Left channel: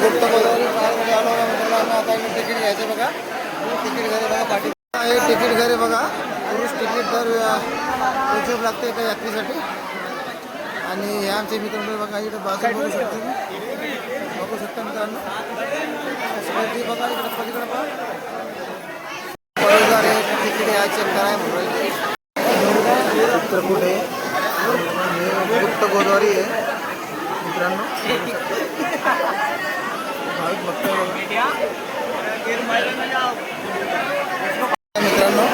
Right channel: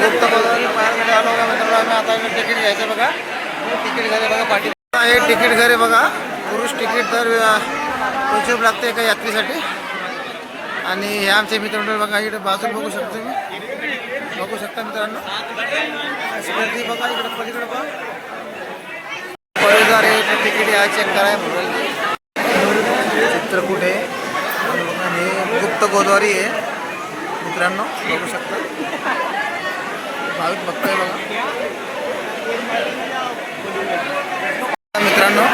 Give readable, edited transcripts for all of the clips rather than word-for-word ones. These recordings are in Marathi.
गुप्त गोदावरी पाहायला आलो बघा मित्रांनो. आम्ही आता तिकीट घ्यायचं बघा. तिकीट घरी बघा पाठी हे तिकीट घरी बघा. पुरुष तिकीट तर 200 रुपये लागते एका यात्रेसाठी. आणि हे आमचे मित्र बघा इकडे बाजू बघू शकतो तुम्ही. बघू शकता मित्रांनो अशी गर्दी बघा. इकडे पलीकडे बघा परोजार आहे तिकीट आहे चेक कराय म्हणून चित्रकूट आहे आणि गुप्त गोदावरी आहे मित्रांनो. बघू शकता भाविक बघताय बघा मित्रांनो.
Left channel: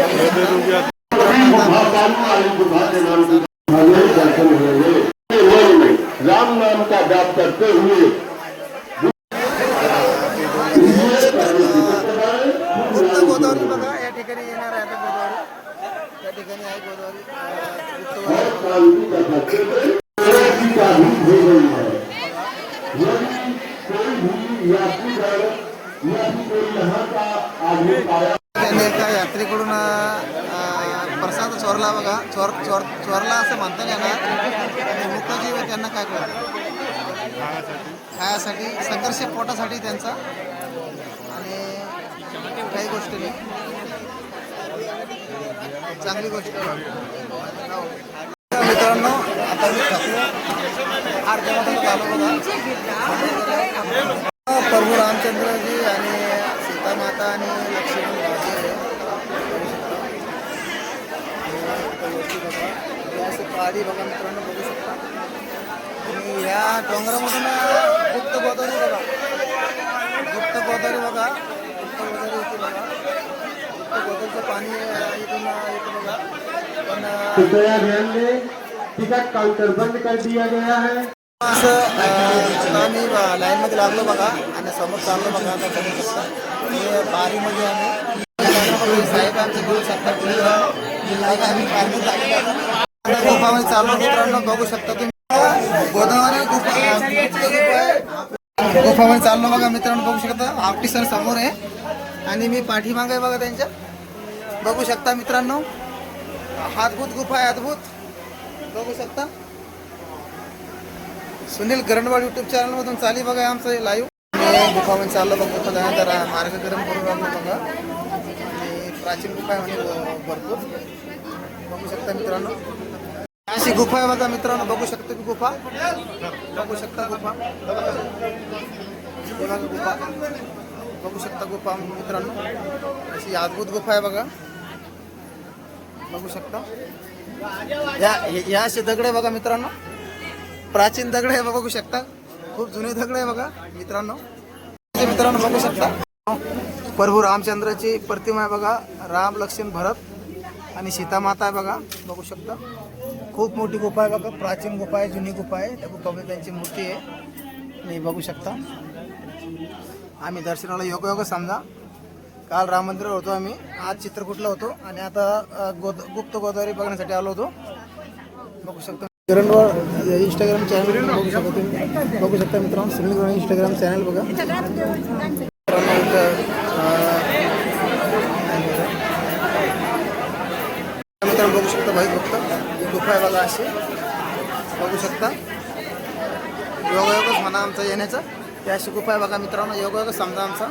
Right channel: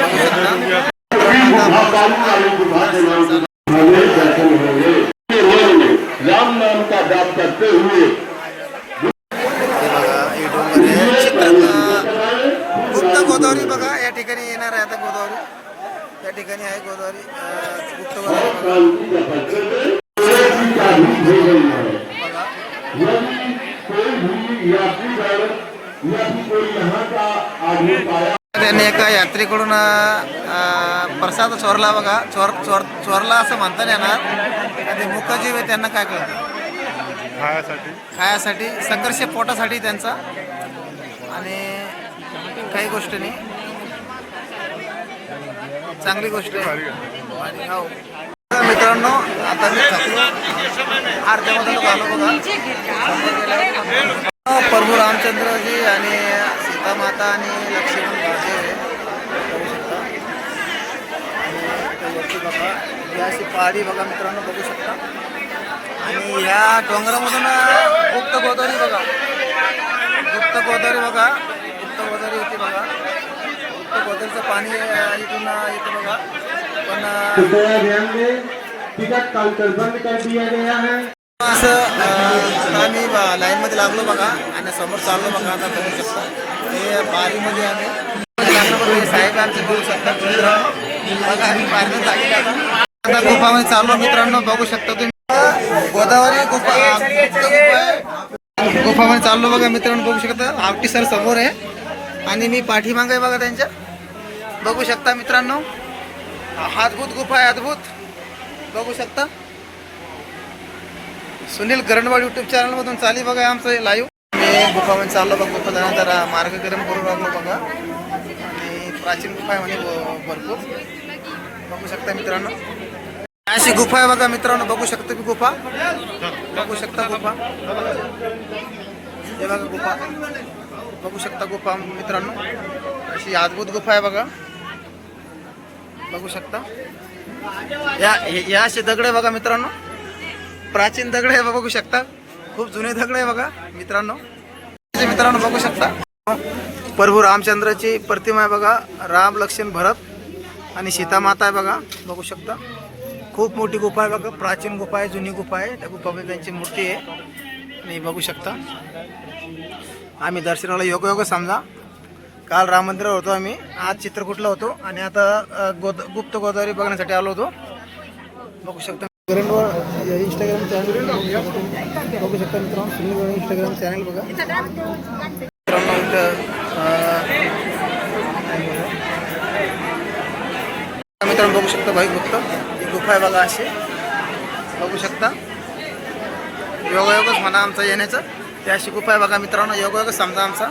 बघू शकता राम नाम का जाप करते हुए गुप्त गोदावरी बघा. या ठिकाणी येणार आहे आता गोदावरी. त्या ठिकाणी आहे गोदावरी गुप्त गोदावरी. त्यांनी एका यात्रेकडून प्रसाद चोरला बघा. चोरला असं म्हणता नाही येणार. ते मुखजीव आहे त्यांना काय कळतं खायासाठी संघर्ष पोटासाठी त्यांचा. आणि काही गोष्ट नाही चांगली गोष्ट आहे. हो मित्रांनो आता मी थकलो आरत्यामध्ये लोक आलो बघा. प्रभू रामचंद्रजी आणि सीतामाता आणि लक्ष्मण गावचे बघू शकता. आणि वरती बघा ही अशी पहाडी बघा मित्रांनो बघू शकता. आणि ह्या डोंगरामधून गुप्त गोदावरी बघा. गुप्त गोदावरी बघा. गुप्त गोदावरी होती बघा. गुप्त गोदावरीचं पाणी इथून येतं बघा. पण असं आम्ही लाईनमध्ये लागलो बघा आणि समोर चाललो बघा. आता बघू शकता हे बारीमध्ये आम्ही लागल्यामध्ये साहेब आमचे बघू शकता बघा. आम्ही बाहेरनं लागले आता गुफामध्ये चाललो मित्रांनो. बघू शकता तुम्ही गोदावरी गुफा गुफामध्ये चाललो बघा मित्रांनो. बघू शकता आवटी सर समोर आहे आणि मी पाठीमागे आहे बघा त्यांच्या. बघू शकता मित्रांनो अद्भुत गुफा आहे अद्भुत. बघू शकता सुनील गरणवाड यूट्यूब चॅनलमधून चाली बघा आमचं लाईव्ह. मी गुफामध्ये चाललो बघा. गुफा जाण्यानंतर मार्ग गरम करून लागलो बघा. आणि प्राचीन गुफा आहे म्हणे भरपूर. बघू शकता मित्रांनो अशी गुफा आहे बघा मित्रांनो. बघू शकता की गुफा. बघू शकता गुफा हे बघा गुफा. बघू शकता गुफा मित्रांनो अशी अद्भुत गुफा आहे बघा. बघू शकता या असे दगड आहे बघा मित्रांनो. प्राचीन दगड आहे बघू शकता. खूप जुने दगड आहे बघा मित्रांनो. मित्रांनो बघू शकता प्रभू रामचंद्राची प्रतिमा आहे बघा. राम लक्ष्मण भरत आणि सीतामाता आहे बघा. बघू शकता खूप मोठी गुफा आहे बघा. प्राचीन गुफा आहे जुनी गुफा आहे. त्या गुफामध्ये त्यांची मूर्ती आहे. आणि बघू शकता आम्ही दर्शनाला योग समजा. काल राम मंदिरावर होतो आम्ही. आज चित्रकूटला होतो आणि आता गुप्त गोदावरी बघण्यासाठी आलो होतो. बघू शकता गरणवाड इंस्टाग्राम चॅनल बघू शकता तुम्ही. बघू शकता मित्रांनो सुनील इंस्टाग्राम चॅनल बघा मित्रांनो. मित्रांनो बघू शकता भाई गुप्त ही गुफा आहे बघा अशी. बघू शकता योगायोगच म्हणा आमचा येण्याचं. ते अशी गुफा आहे बघा मित्रांनो. योगायोगच समजा आमचा.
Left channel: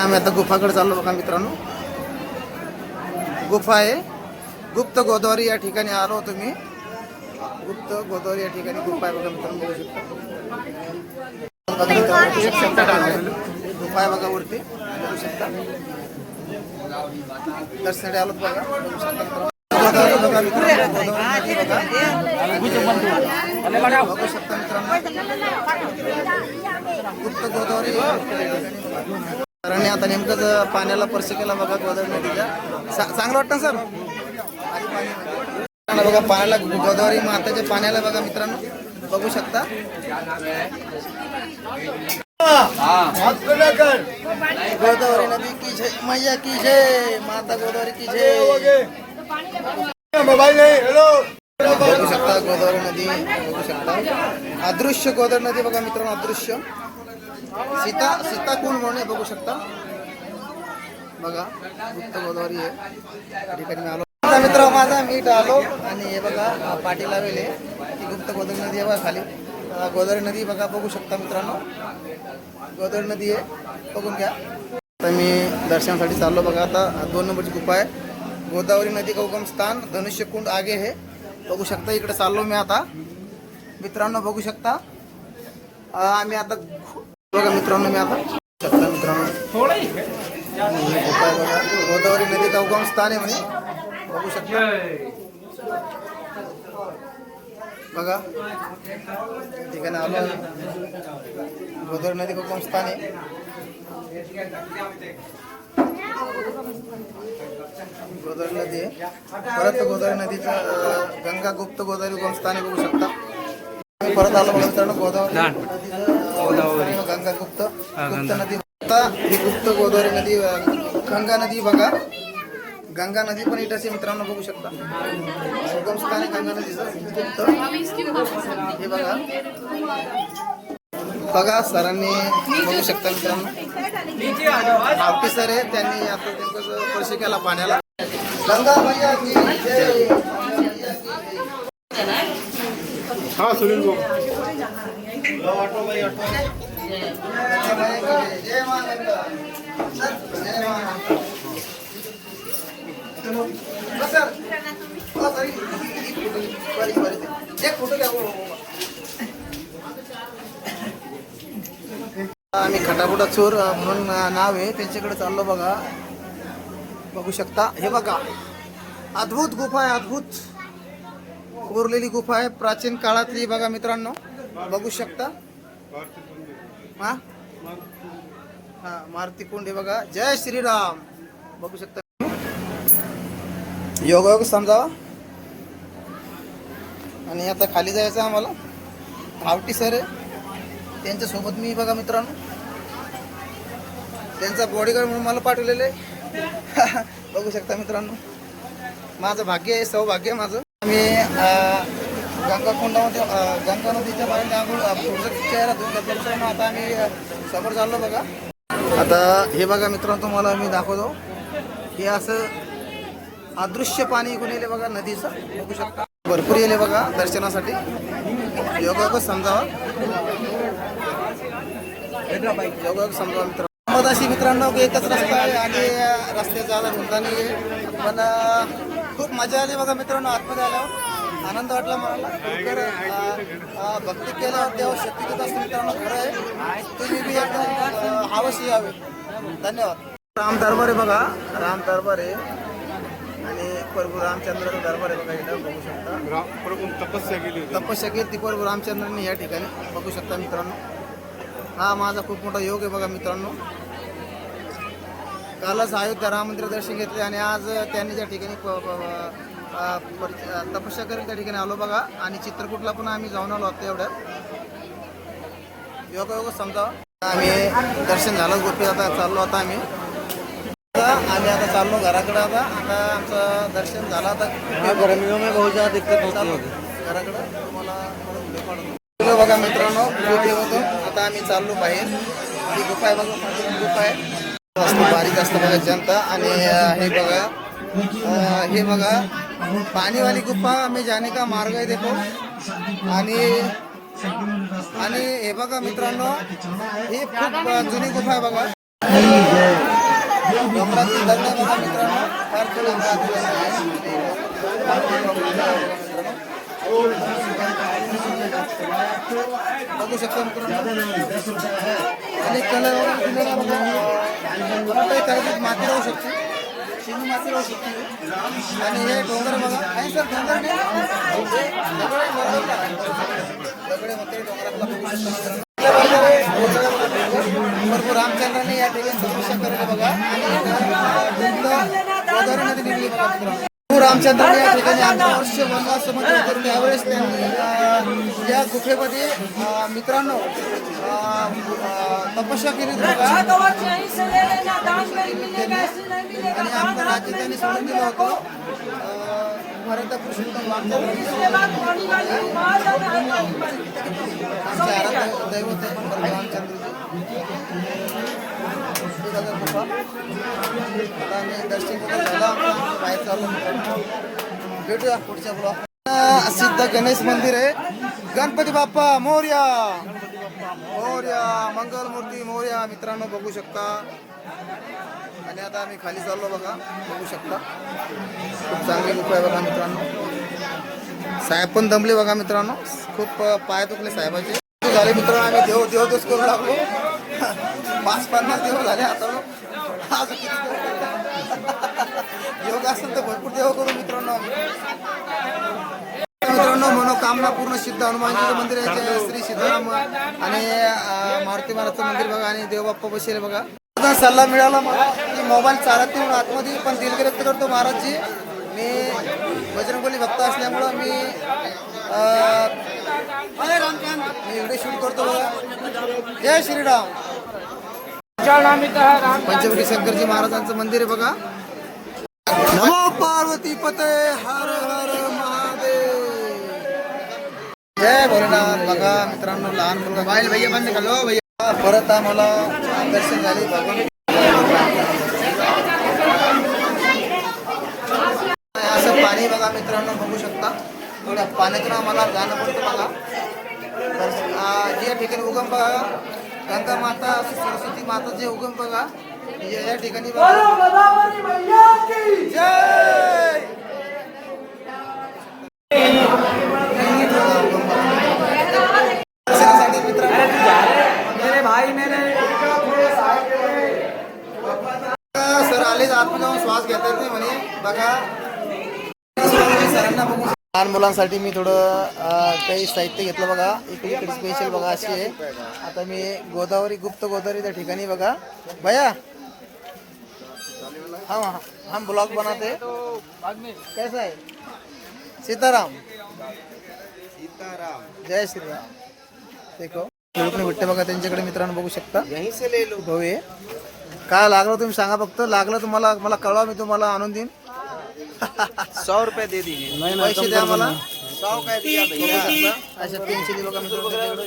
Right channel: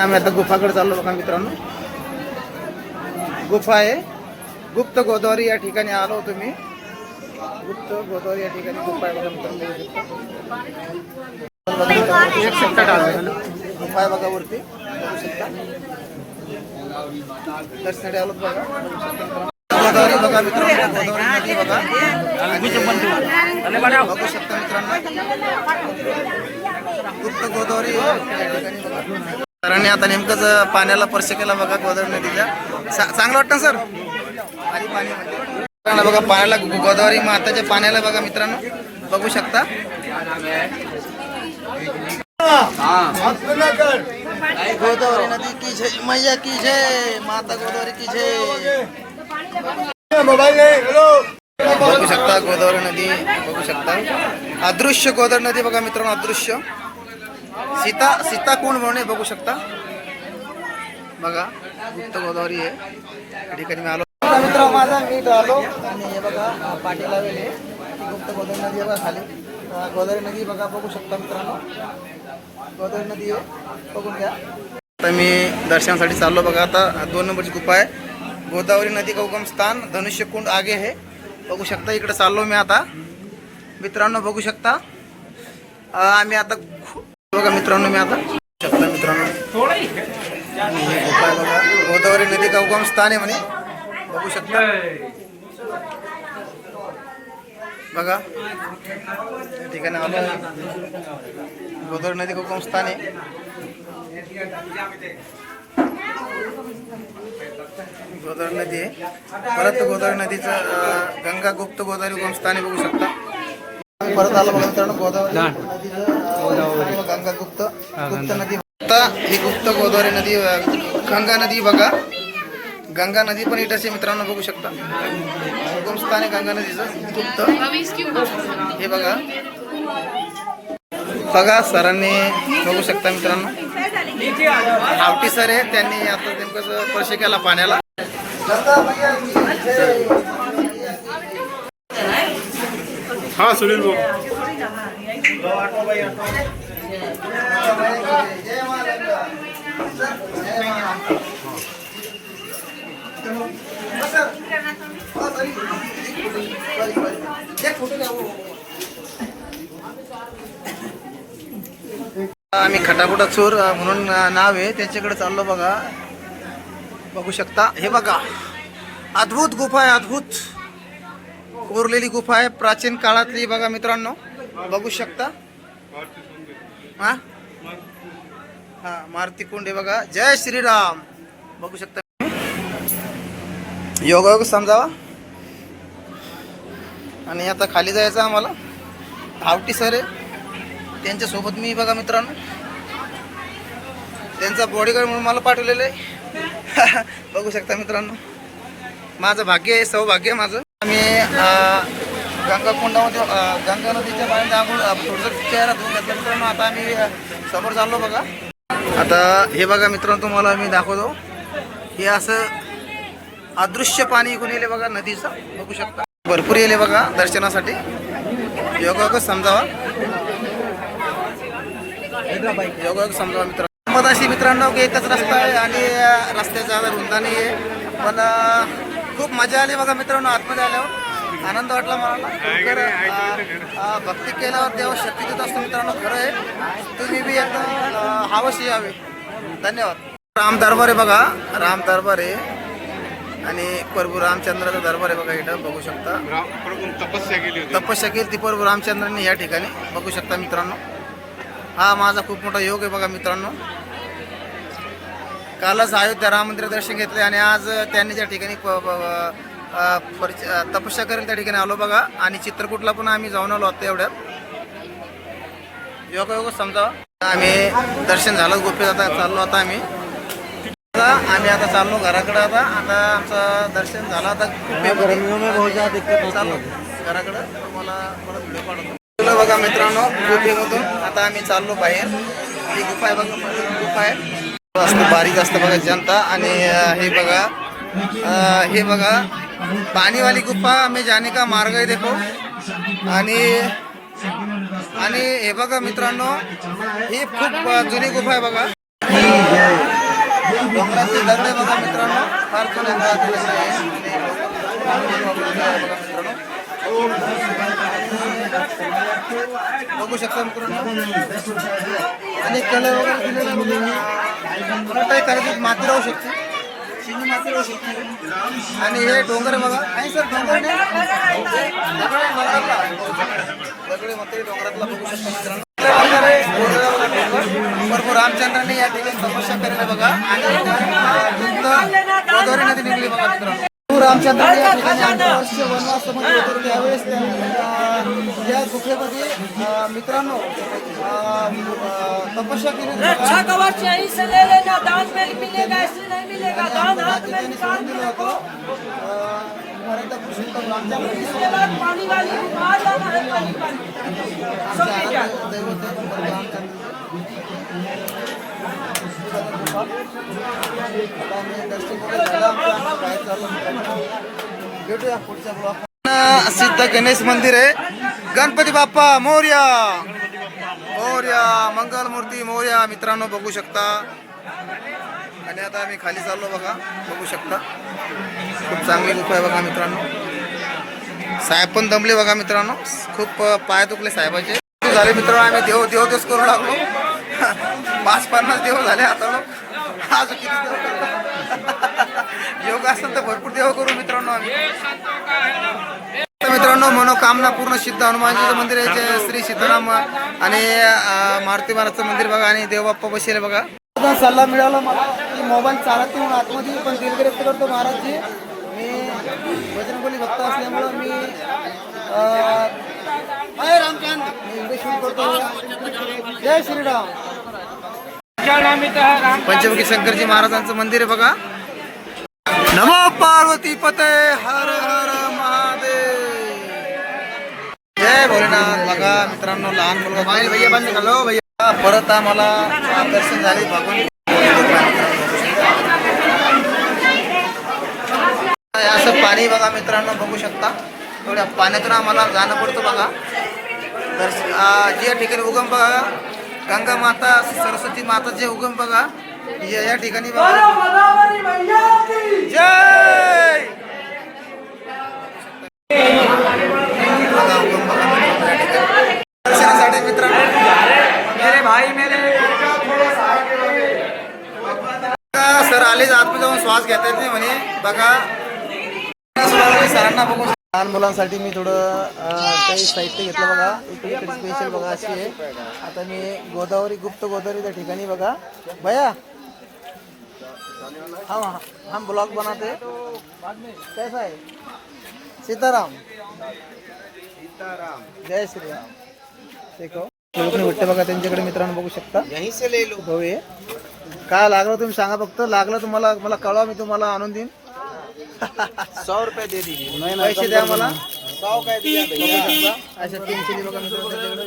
आम्ही आता गुफाकडे चाललो बघा मित्रांनो. गुफा आहे गुप्त गोदावरी. या ठिकाणी आलो होतो मी. गुप्त गोदावरी या ठिकाणी गुफा आहे बघा मित्रांनो. बघू शकता गुफा आहे बघा वरती. बघू शकता दर्शनासाठी आलो बघा. बघू शकता गोदावरी बघा मित्रांनो. बघू शकता मित्रांनो गुप्त गोदावरी. सरांनी आता नेमकंच पाण्याला स्पर्श केला बघा गोदावरी नदीच्या. चांगलं वाटतं सर पाणी बघा पाण्याला. गोदावरी माताच्या पाण्याला बघा मित्रांनो. बघू शकता गोदावरी नदी की जय मैया की जय माता गोदावरी की जय. बघू शकता गोदावरी नदी. बघू शकता अदृश्य गोदावरी नदी बघा मित्रांनो. अदृश्य सीता कोण म्हणून बघू शकता बघा. गुप्त गोदावरी आहे या ठिकाणी मी आलो मित्र माझा मीठ आलो. आणि हे बघा पाठी लावेले गुप्त गोदावरी नदी बघा खाली. गोदावरी नदी बघा, बघू शकता मित्रांनो. गोदावरी नदी आहे, बघून घ्या. आता मी दर्शनासाठी चाललो बघा. आता 2 नंबरची गुफा आहे. गोदावरी नदी का उगम स्थान धनुष्यकुंड आगे आहे. बघू शकता इकडे चाललो मी आता मित्रांनो. बघू शकता आम्ही आता बघा मित्रांनो. मी आता शकता मित्रांनो गुफा आहे बघा. गोदावरी नदी का उगम स्थान आहे म्हणे. बघू शकता बघा या ठिकाणी आलो आहे. गोदावरी नदी का उगम स्थान आहे. गोदावरी नदी आहे. परत गोदावरी नदीचं गंगा गुप्त गोदावरी उगम स्थान आहे. बघू शकता आम्ही परत आलो बघा मित्रांनो. गोदावरी नदीचं गंगा गुप्त नदी. आता ही गुप्त गोदावरी नदी गंगा नदी बघा. गंगा नदी पण इथंच आहे मित्रांनो. बघू शकता उगम स्थान आहे गंगा नदीचं गुप्त. हे बघा बघा सरांनी बघू शकता मित्रांनो. आवटी सर आहे, त्यांनी आता नेमकं स्पर्श केला पाण्याला. हा सुनील भाऊ आम्ही खटापुटा चोर म्हणून नाव आहे त्यांच्याकडे चाललो बघा. बघू शकता हे बघा अद्भुत गुफा आहे. अद्भुत कोरलेली गुफा आहे प्राचीन काळातली बघा मित्रांनो. बघू शकता हा हा मारुती कुंड आहे बघा. जय श्रीराम. बघू शकता योगायोग समजावा. आणि आता खाली जायचं आम्हाला. आवटी सर आहे त्यांच्यासोबत मी बघा मित्रांनो. त्यांचा बॉडीगार्ड म्हणून मला पाठवलेलं आहे. बघू शकता मित्रांनो माझं भाग्य आहे, सौभाग्य माझं. आम्ही गंगा कुंडामध्ये गंगा नदीच्या बाहेर आंघोळ थोडंसं चेहरा धुवून घेतला मित्रांनो. आता आम्ही समोर चाललो बघा. आता हे बघा मित्रांनो तुम्हाला मी दाखवतो. हे असं अदृश्य पाणी इकडून येले बघा नदीचं. बघू शकता भरपूर येले बघा दर्शनासाठी. योगायोग समजावा. योगायोग समजावा मित्रांनो. मधाशी मित्रांनो एकच रस्ता आहे आणि रस्त्याचा आता रुंदा नाही आहे. पण खूप मजा आली बघा मित्रांनो. आतमध्ये आल्यावर आनंद वाटला मला. भक्ती केल्यावर देव शक्ती देत असतो मित्रांनो. खरं आहे. तुम्ही बी एकदा अवश्य यावे. धन्यवाद. राम दरबार आहे बघा. राम दरबार आहे आणि प्रभू रामचंद्राचा दरबार आहे बघा. इथं बघू शकता तपस्या केली ती प्रभू रामचंद्रांनी या ठिकाणी. बघू शकता मित्रांनो. हा माझा खूप मोठा योग आहे बघा मित्रांनो. कालच अयोध्या राम मंदिर दर्शन घेतले आणि आज त्यांनी ज्या ठिकाणी तपस्या करेल त्या ठिकाणी आलो बघा. आणि चित्रकूटला पण आम्ही जाऊन आलो आता एवढ्यात. योग समजावा. आम्ही दर्शन झालं गुफेत. आता चाललो आता आम्ही आता चाललो घराकडे. आता आमचं दर्शन झालं. आता चाललो घराकडं. तुम्हाला परत व्हिडिओ काढतो बघा मित्रांनो. गुफेमधून आता आम्ही चाललो बाहेर. ही गुफा आहे बघा. गुफा आहे असतं बारीक असतं बघा जनता. आणि हे बघा पाणीवाली गुफा में जाने का मार्ग आहे देखो. आणि हे बघा मित्रांनो ही खूप जुनी गुफा आहे बघा. डोंगराची दगड आहे बघा मित्रांनो. फार जुन्या काळातील आहे मित्रांनो. बघू शकता मित्रांनो. आणि कलर वगैरे दिलेले करायचं. माती राहू शकते. शिंग माती राहू शकते. आणि हे डोंगर बघा. नाही सर डोंगर दगडे म्हणते डोंगरातला. बघू शकता मित्रांनो. भरपूर रामचंद्रांनी या ठिकाणी तपस्या केलेली बघा. आणि गोदावरी नदी निघली बघा मित्रांनो. रामचंद्रांनी या ठिकाणी 11 वर्ष वनवासामध्ये होते. त्यावेळेस त्यांनी या गुफेमध्ये मित्रांनो तपस्या केली बघा. आणि आपलं राज्य त्यांनी सोडून दिलं होतं. मराठा पुरुषोत्तम रामचंद्रांनी आमचे आराध्य दैवत आहे रामचंद्रजी. गुफा आता आम्ही दर्शन वगैरे झालं आमचं. बाहेर चाललो मित्रांनो. भेटूया पुढच्या ब्लॉग. सिद्ध गणेश मंदिर आहे. गणपती बाप्पा मोरया, मोरया, मंगल मूर्ती मोरया. मित्रांनो बघू शकता. आणि आता आम्ही खाली चाललो बघा, बघू शकता. खूप चांगली गुफा आहे बघा मित्रांनो. साहेब पण दमले बघा मित्रांनो, खूप पाय दुखले साहेबाचे. झाले मित्रांनो, आम्ही देवच करू लागलो. 50 देव झाले आता. आज किती देव करतात? योग असेल तर भरपूर देव करू मित्रांनो आम्ही. मित्रांनो मनोकामना पूर्ण सिद्ध हनुमानजीचं मंदिर आहे, श्री सिद्धराम आणि मारुती महाराजचं मंदिर बघा. आणि देवबाप्पा बसेल बघा. सल्ला मिळाला मला की मोबाईल चालत नाही म्हणून आतमध्ये, पण दिलगिरी व्यक्त करतो महाराजजी. मी बजरंगबली भक्त असल्यामुळं मी व्हिडिओ शूट करतो. जय श्रीराम. पंचमुखी शंकरजी महाराजांचं मंदिर आहे बघा. नमो पार्वती पते हर हर महादेव. जय भोलेनाथ. बघा मित्रांनो लहान मुलगा भैया परत आम्हाला दर्शन झाले भगवान. असं पाणी बघा मित्रांनो बघू शकता. एवढ्या पाण्यातून आम्हाला जाणं पडतं बघा. जे ठिकाणी उगम बघा गंगा माता सरस्वती माताचे उगम बघा या ठिकाणी बघा. जय दर्शनासाठी मित्रांनो सर आलेच आतमध्ये जाऊन श्वास घेता येत नाही म्हणे बघा. सरांना बघू. लहान मुलांसाठी मी थोडं काही साहित्य घेतलं बघा. इकडे स्पेशल बघा अशी आहे. आता मी गोदावरी गुप्त गोदावरी त्या ठिकाणी बघा. भैया हम ब्लॉग बनाते कैसा आहे. सीताराम जय श्रीराम. देखो खेळून भेटते बघा त्यांच्याकडे मित्रांनो बघू शकता. भाऊ काय लागलं तुम्ही सांगा फक्त. लागलं तुम्हाला मला कळवा, मी तुम्हाला आणून देईन. 100 रुपये दे दीजिए. पैसे द्या मला. बघू शकता अशा पेन्सिली बघा मित्रांनो त्यांच्याकडे.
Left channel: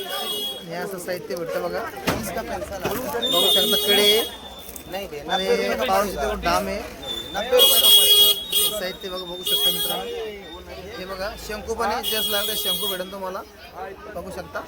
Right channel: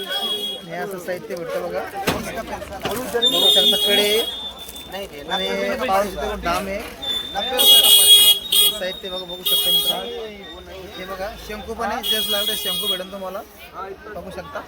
आणि असं साहित्य भेटतं बघा. बघू शकता कडे आणि पाऊंचे डाम आहे साहित्य बघा. बघू शकता मित्रांनो हे बघा. शंकू पण आहे, जस लागलं शंकू भेटेल तुम्हाला बघू शकता.